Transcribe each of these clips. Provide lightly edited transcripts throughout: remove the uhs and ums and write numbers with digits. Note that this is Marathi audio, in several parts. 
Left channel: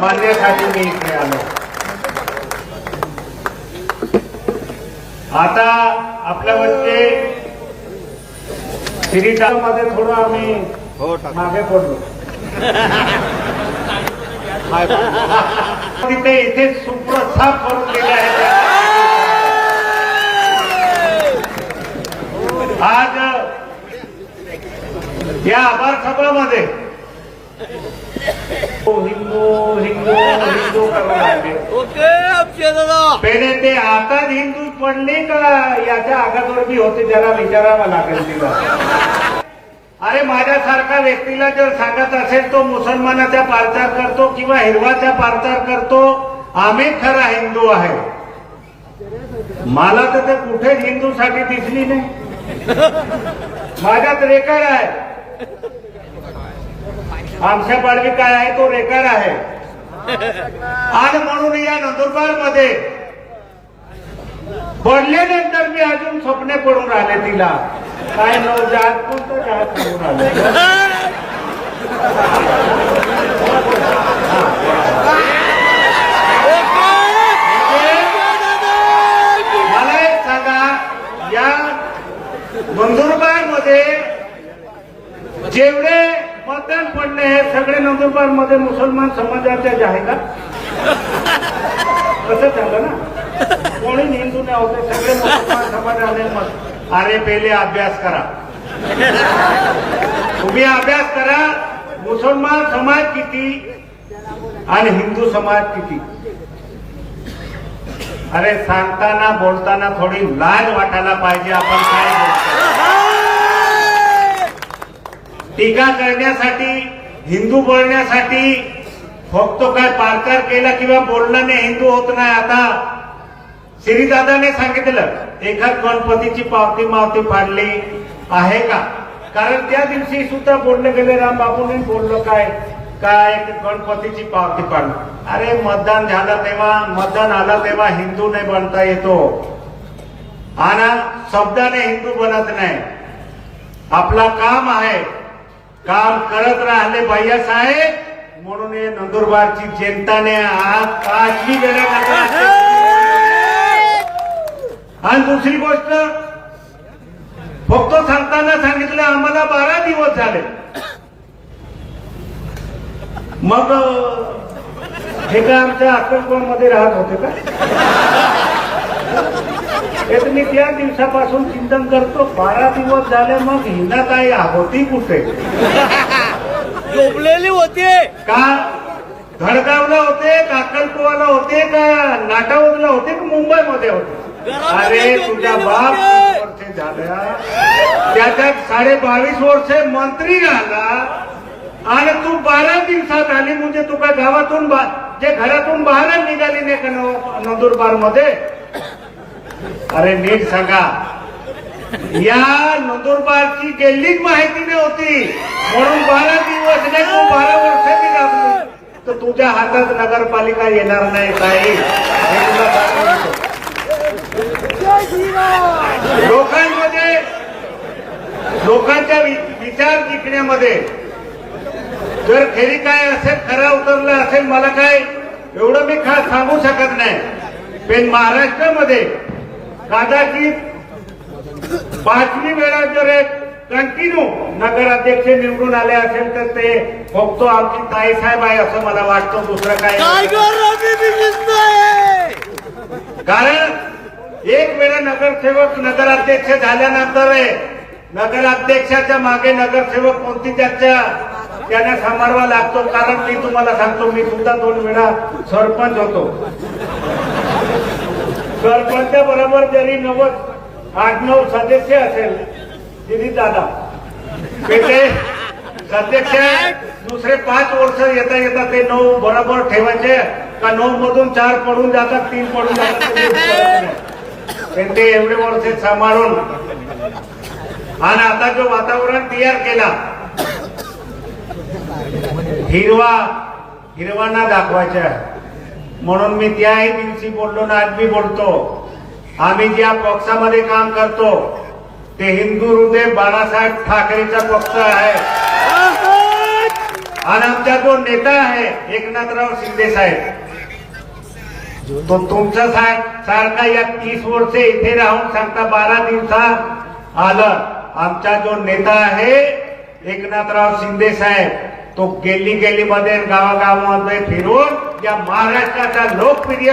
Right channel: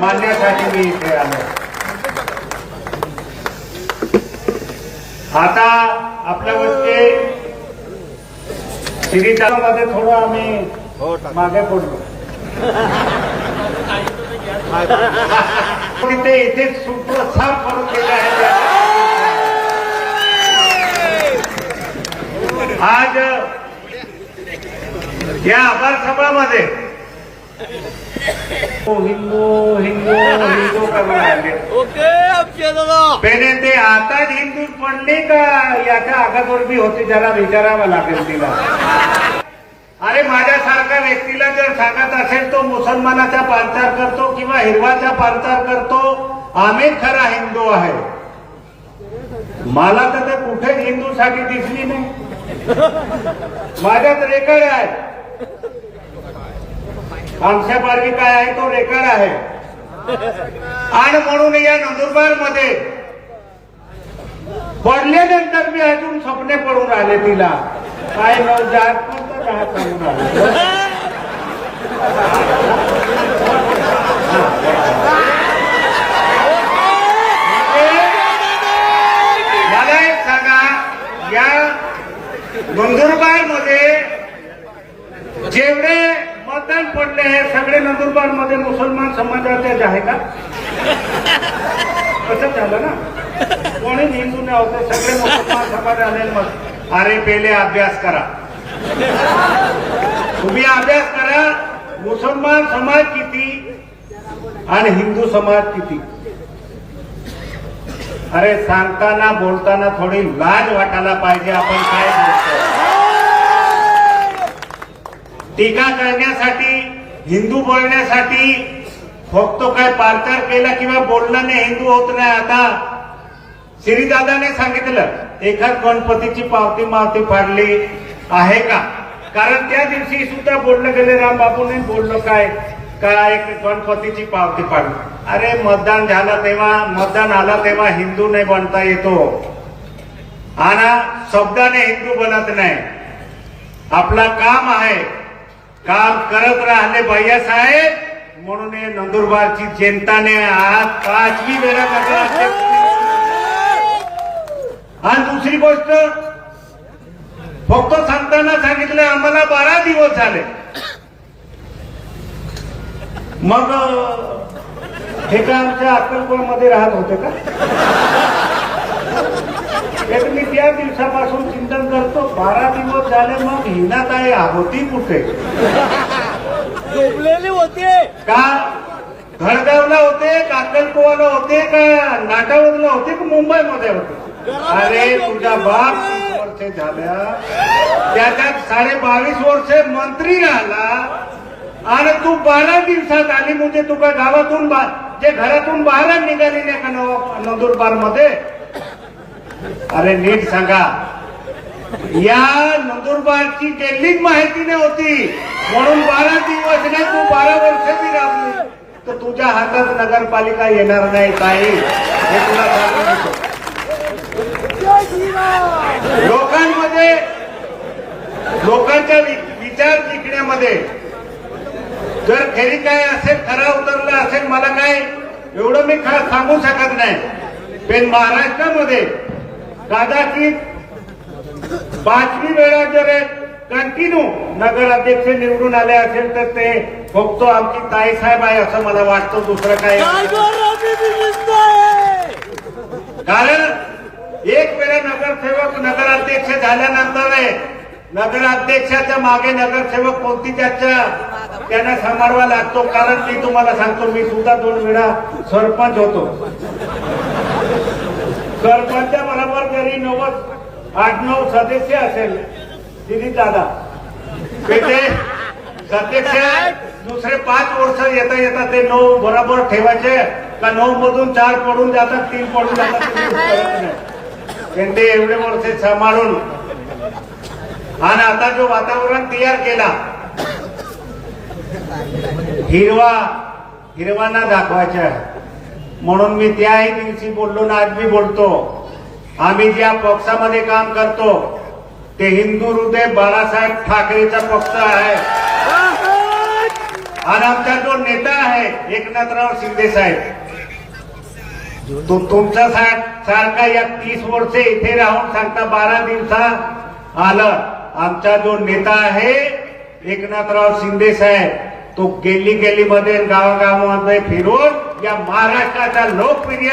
मानण्यासाठी मी इथे आलो. आता आपल्या वरचे श्रीतामध्ये थोडं आम्ही मागे पडलो. तिथे इथे सुप्रस्थाप करून गेले आहे. आज या आभार सभामध्ये हिंदू हिंदू हिंदू करून राहिले. पहिले ते आता हिंदू पडले का याच्या अगोदर बी होते, ज्याला विचारावं लागेल तिला. अरे माझ्यासारखा व्यक्तीला जर सांगत असेल तो मुसलमानाचा पार्टार करतो किंवा हिरवाचा पार्टार करतो, आम्हीच खरा हिंदू आहे. मला तर कुठेच हिंदूसाठी दिसली नाही. माझ्यात रेकॉर्ड आहे. आमच्या पारवी काय आहे तो रेकॉर्ड आहे. आणि म्हणून या नंदुरबारमध्ये पडल्यानंतर मी अजून स्वप्ने पडून राहिले तिला. काय नवजात कोणतं राहत सांगून आले. मला एक सांगा, या नंदुरबारमध्ये जेवढे मतदान पडले हे सगळे नंदुरबारमध्ये मुसलमान समाजाचे आहे का? कसं झालं ना, कोणी हिंदू नाही होते, सगळे मुसलमान समाज आले. मग अरे पहिले अभ्यास करा, तुम्ही अभ्यास करा. मुसलमान समाज किती आणि हिंदू समाज किती. अरे सांगताना बोलताना थोडी लाज वाटायला पाहिजे. आपण काय बोलतो, टीका करण्यासाठी, हिंदू बोलण्यासाठी फक्त काय पार्टार केला किंवा बोलल्याने हिंदू होत नाही. आता श्रीदादाने सांगितलं एखाद गणपतीची पावती मावती फाडली आहे का? कारण त्या दिवशी सुद्धा बोललं गेलं, रामबाबूने बोललो काय काय गणपतीची पावती फाडली. अरे मतदान झालं तेव्हा, मतदान आलं तेव्हा हिंदू नाही बनता येतो आणि शब्दाने हिंदू बनत नाही. आपला काम आहे, काम करत राहिले भैयासाहेब. म्हणून हे नंदुरबारची जनताने आज 5वी वेळा नगर. आणि दुसरी गोष्ट फक्त सांगताना सांगितलं आम्हाला 12 दिवस झाले. मग हे का आमच्या अक्कलकोटमध्ये राहत होते का? हे मी त्या दिवसापासून चिंतन करतो. 12 दिवस झाले, मग हिना काय होती कुठे? झोपलेली होते का? घडगावला होते का, अक्कलकोटला होते का, नाटावरला होते का, मुंबईमध्ये होते? अरे तुझा बाप 30 वर्षे झाल्या, त्याच्यात 22.5 वर्षे मंत्री राहिला आणि तू 12 दिवसात आली. म्हणजे तू काय गावातून जे घरातून बाहेर निघाली नाही का नंदुरबारमध्ये? अरे नीट सांगा, या नंदुरबारची गेलीच माहिती नव्हती म्हणून 12 दिवस नाही, तू 12 वर्षाची लागली तर तुझ्या हातात नगरपालिका येणार नाही. काही हे तुला सांगतो. लोकांमध्ये, लोकांच्या विचार जिंकण्यामध्ये जर खरी काय असेल, खरा उतरला असेल, मला काय एवढं मी सांगू शकत नाही. पण महाराष्ट्रामध्ये कदाचित 5वी वेळा जर कंटिन्यू नगराध्यक्ष निवडून आले असेल तर ते फक्त आमची ताईसाहेब आहे असं मला वाटतं. दुसरं काय? कारण एक वेळा नगरसेवक नगराध्यक्ष झाल्यानंतर नगराध्यक्षाच्या मागे नगरसेवक कोणती त्यांना सांभाळवा लागतो. कारण मी तुम्हाला सांगतो, मी सुद्धा 2 वेळा सरपंच होतो. सरपंच बरोबर जरी 8-9 सदस्य असेल, दिदी दादा ते सदस्य दुसरे 5 वर्ष येता येता ते 9 बरोबर ठेवायचे का? 9 मधून 4 पडून जातात, 3 पडून जातात. पण ते एवढे वर्ष सांभाळून आणि आता जो वातावरण तयार केला, हिरवांना दाखवायचं म्हणून मी त्याही दिवशी बोललो ना, आज मी बोलतो. आम्ही ज्या पक्षामध्ये काम करतो ते हिंदू हृदय बाळासाहेब ठाकरेचा पक्ष आहे. आणि आमचा जो नेता आहे एकनाथराव शिंदे साहेब, तो तुमचा सारखा या 30 वर्षे इथे राहून सांगता 12 दिवसात आलं. आमचा जो नेता आहे एकनाथराव शिंदे साहेब, तो गेली मध्ये गावागावांमध्ये फिरून या महाराष्ट्राचा लोकप्रिय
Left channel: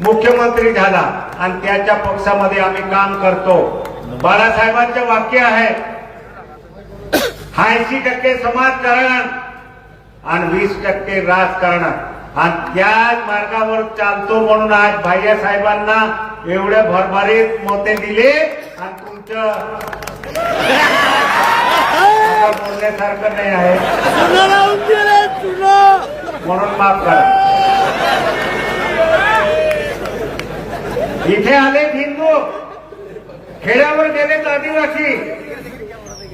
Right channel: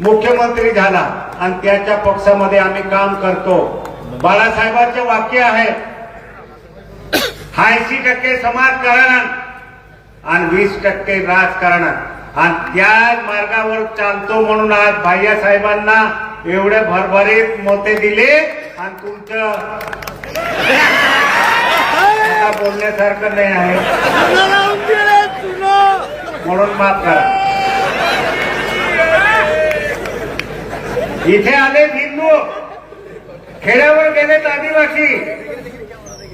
मुख्यमंत्री झाला आणि त्याच्या पक्षामध्ये आम्ही काम करतो. बाळासाहेबांचं वाक्य आहे 80% समाजकारण आणि 20% राजकारण, आणि त्याच मार्गावर चालतो म्हणून आज भाईसाहेबांना एवढे भरभरीत मोठे दिले. आणि तुमचं आता बोलण्यासारखं नाही आहे म्हणून माफ करा. इथे आले हिंदू, खेड्यावर गेलेत आदिवासी.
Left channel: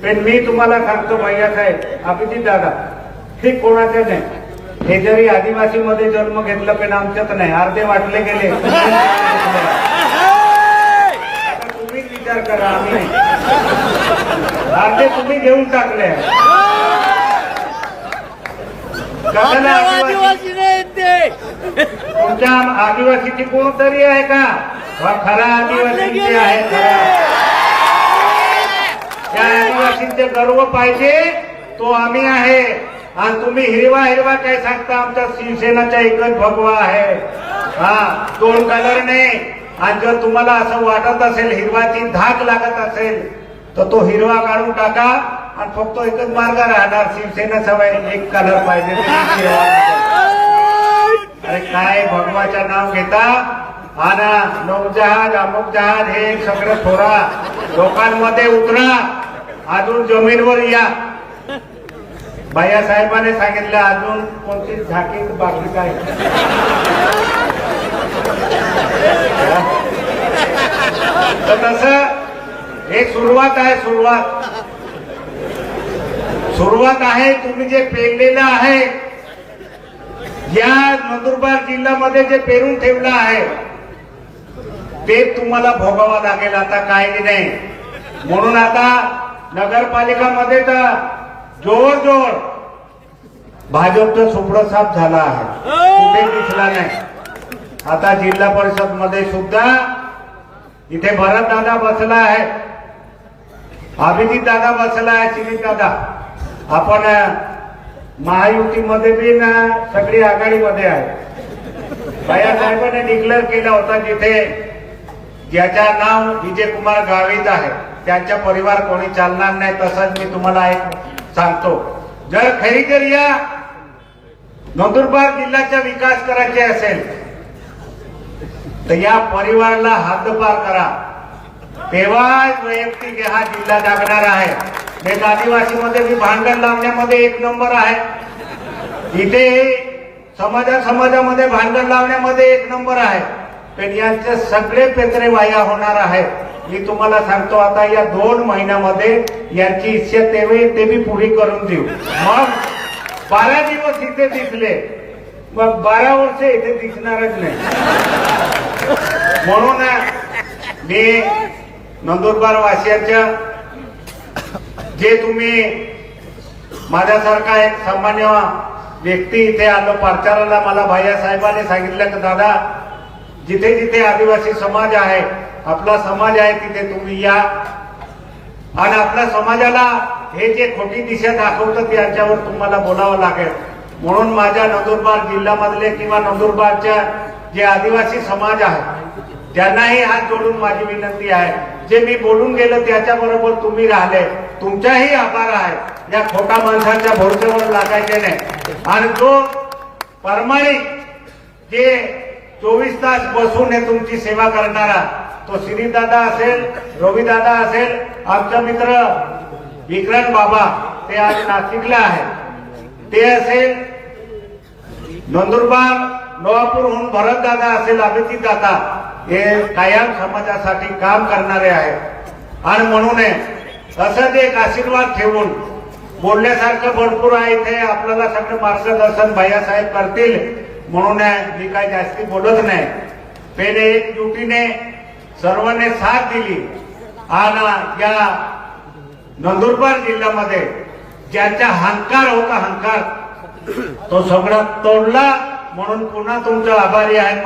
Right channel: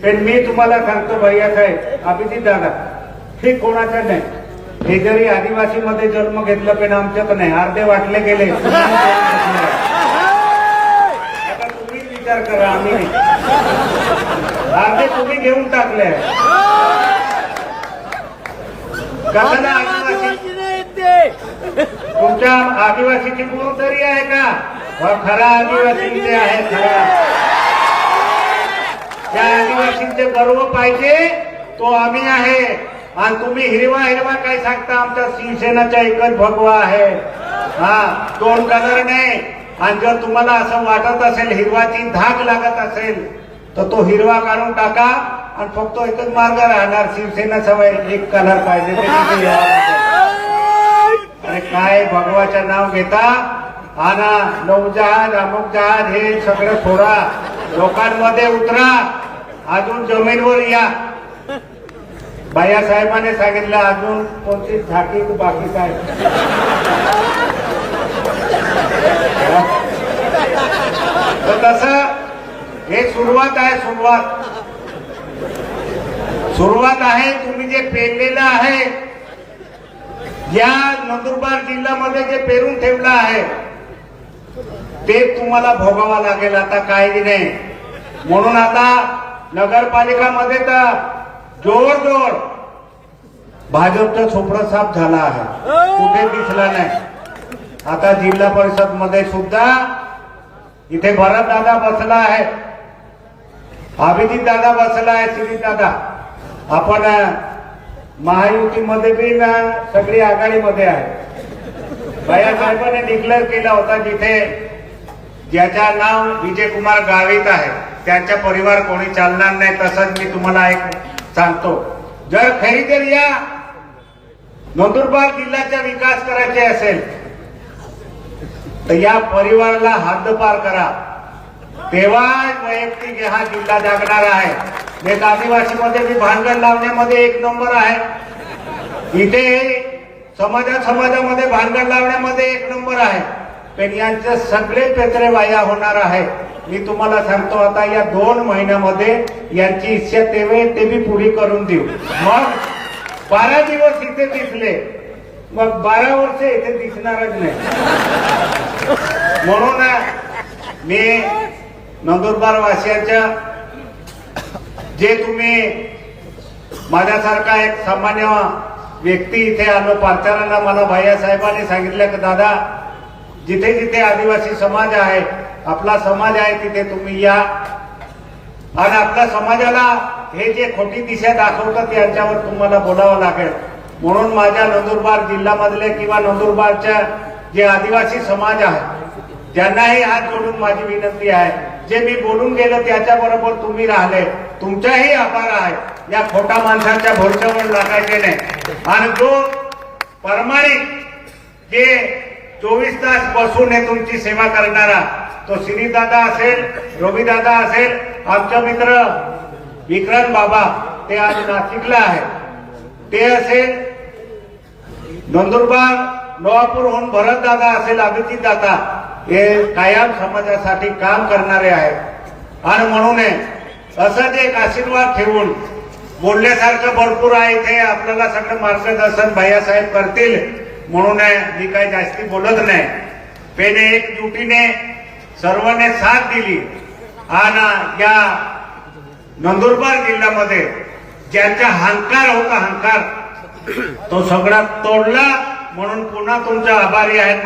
पण मी तुम्हाला सांगतो भैयासाहेब, अभिजित दादा, हे कोणाचं नाही. हे जरी आदिवासी मध्ये जन्म घेतलं पण आमच्यात नाही. अर्धे वाटले गेले. आता तुम्हीच विचार करा, आम्ही नाही. अर्धे तुम्ही घेऊन टाकले. कसं ना आदिवासी, तुमच्या आदिवासीची कोणतरी आहे का? खरा आदिवासी इथे आहे. खरा त्या आदिवासींचे गर्व पाहिजे तो आम्ही आहे. आणि तुम्ही हिरवा काय सांगता? आमच्या शिवसेनाचा एकच भगवा आहे. हा, 2 कलर नाही. आणि जर तुम्हाला असं वाटत असेल हिरवाची धाक लागत असेल तर तो हिरवा काढून टाका आणि फक्त एकच मार्ग राहणार, शिवसेना सवय एक कलर पाहिजे. अरे काय भगवाचं नाव घेता? आणि नौजहाज अमुक जहाज हे सगळं थोडा लोकांमध्ये उतरा, अजून जमिनीवर या. भैयासाहेबांनी सांगितलं अजून कोणती झाकी बाकी काय. तसं हे सुरुवात आहे. सुरुवात आहे. तुम्ही जे पेरलेलं आहे, या नंदुरबार जिल्ह्यामध्ये जे पेरून ठेवलं आहे ते तुम्हाला भोगावं लागेल. आता काही नाही. म्हणून आता नगरपालिकामध्ये तर जोर भाजपचं सुप्र साफ झाला आहे, कुठे दिसला नाही. आता जिल्हा परिषद मध्ये सुद्धा इथे भरत दादा बसला आहे, अभिजित दादा बसला आहे, श्री दादा. आपण महायुतीमध्ये बी ना सगळी आघाडीमध्ये आहे. भैयासाहेबांनी डिक्लेअर केला होता जिथे ज्याच्या नाव विजयकुमार गावित आहे त्यांच्या परिवार कोणी चालणार नाही. तसंच मी तुम्हाला एक सांगतो, जर खरी या नंदुरबार जिल्ह्याचा विकास करायचे असेल तर या परिवाराला हद्दपार करा, तेव्हाच वैयक्तिक हा जिल्हा जागणार आहे. एक आदिवासीमध्ये मी भानगड लावण्यामध्ये 1 नंबर आहे. इथे समाजामध्ये भानगड लावण्यामध्ये 1 नंबर आहे. पण यांचे सगळे पेत्रे वाया होणार आहे. मी तुम्हाला सांगतो, आता या 2 महिन्यामध्ये यांची इच्छा ते बी पुरी करून देऊ. मग 12 दिवस इथे दिसले, मग 12 वर्ष इथे दिसणारच नाही. म्हणून मी नंदुरबार वासियांच्या, जे तुम्ही माझ्यासारखा एक सामान्य व्यक्ती इथे आलो प्रचाराला, मला भैयासाहेबांनी सांगितलं की दादा जिथे जिथे आदिवासी समाज आहे, आपला समाज आहे, तिथे तुम्ही या आणि आपल्या समाजाला हे जे खोटी दिशा दाखवतात त्यांच्यावर तुम्हाला बोलावं लागेल. म्हणून माझ्या नंदुरबार जिल्ह्यामधले किंवा नंदुरबारच्या जे आदिवासी समाज आहे त्यांनाही हात जोडून माझी विनंती आहे, जे मी बोलून गेलो त्याच्याबरोबर तुम्ही राहिले, तुमचाही आभार आहे. या खोटा माणसाच्या भरोश्यावर लागायचे नाही. आणि जो प्रामाणिक जे 24 तास बसून हे तुमची सेवा करणारा, तो श्रीदादा असेल, रविदादा असेल, आमचा मित्र विक्रांत बाबा, ते आज नाशिकला आहे, ते असेल नंदुरबार नवापूरहून भरत दादा असेल, अभिजित दादा, हे कायम समाजासाठी काम करणारे आहेत. आणि म्हणून असंच एक आशीर्वाद ठेवून बोलण्यासारखं भरपूर आहे. इथे आपल्याला सगळं मार्गदर्शन भैयासाहेब करतील, म्हणून मी काही जास्ती बोलत नाही. पहिले एकजुटीने सर्वांनी साथ दिली आणि या नंदुरबार जिल्ह्यामध्ये ज्यांचा अहंकार होता, अहंकार तो सगळा तोडला, म्हणून पुन्हा तुमचा आभारी आहे.